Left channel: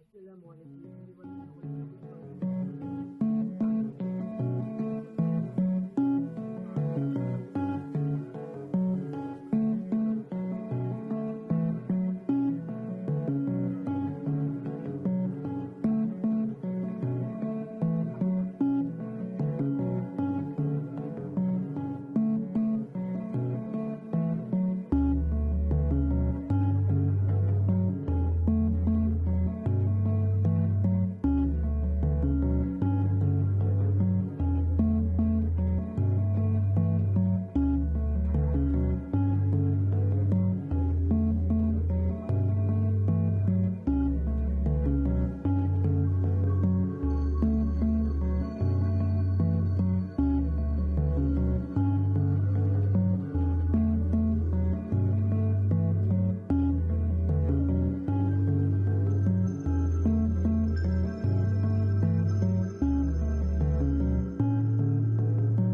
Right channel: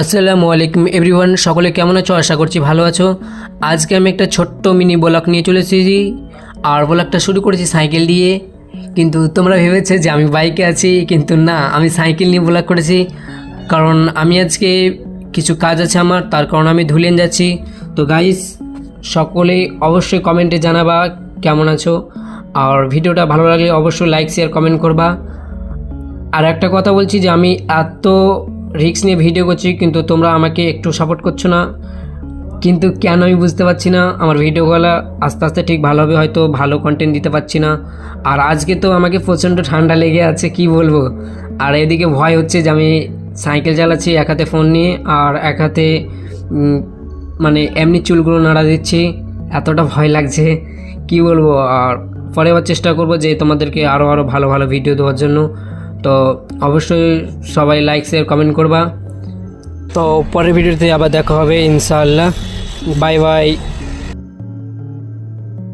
আসসালামু আলাইকুম এভরিওয়ান, সকলে কেমন আছো? আশা করছি ভালো আছো। আজকে আমি একটা ছোট্ট মিনি ব্লগ নিয়ে চলে এসেছি, আর ব্লগটা শুরু করেছি সাইকেল দিয়ে। কিন্তু তোমরা ভেবেছো যে আমি বাইকে আছি, কিন্তু না, আমি সাইকেল নিয়ে ব্লগ করেছি। কারণ আমি আজকে কিছু কাজ আছে আমার, তার কারণে আমি ধুলিয়ান যাচ্ছি। তো গাইস, সকলেই অবশ্যই কমেন্টে জানাবা কেমন আছো, আর ভিডিওটা ভালো লাগলে অবশ্যই লাইক শেয়ার কমেন্ট করবা। আর একটা কথা বলছি যে আমি এত রিস্ক নিয়ে ভিডিও করছি, কিন্তু তোমরা আমাকে একটু সাপোর্ট করছো না। কিন্তু কেন আমি বুঝতে পারছি না। আমার ভিডিওগুলো আস্তে আস্তে ঠিক ভালো হবে, হয়তো ভালো কন্টেন্ট দিতে পারছি না। আর আজকে তো আমাকে প্রচণ্ড ঠান্ডা লেগে আছে, কি বলবো। আর এদিকে ভয় হচ্ছে যে আমি সাইকেল চালাচ্ছি এক হাতে ফোন নিয়ে, আর এক হাতে মানে এমনি চুলগুলো নাড়া দিচ্ছি। এতটা ভয় লাগছে, কি বলবো। আর পরে আবার চেষ্টা করব যে তোমাদেরকে আরও ভালো ভালো ভিডিও দেওয়ার জন্য। তো অবশ্যই সবাই লাইক শেয়ার কমেন্ট করবা। তো পরের ভিডিওতে আবার দেখা হবে ইনশাআল্লাহ। Bye bye.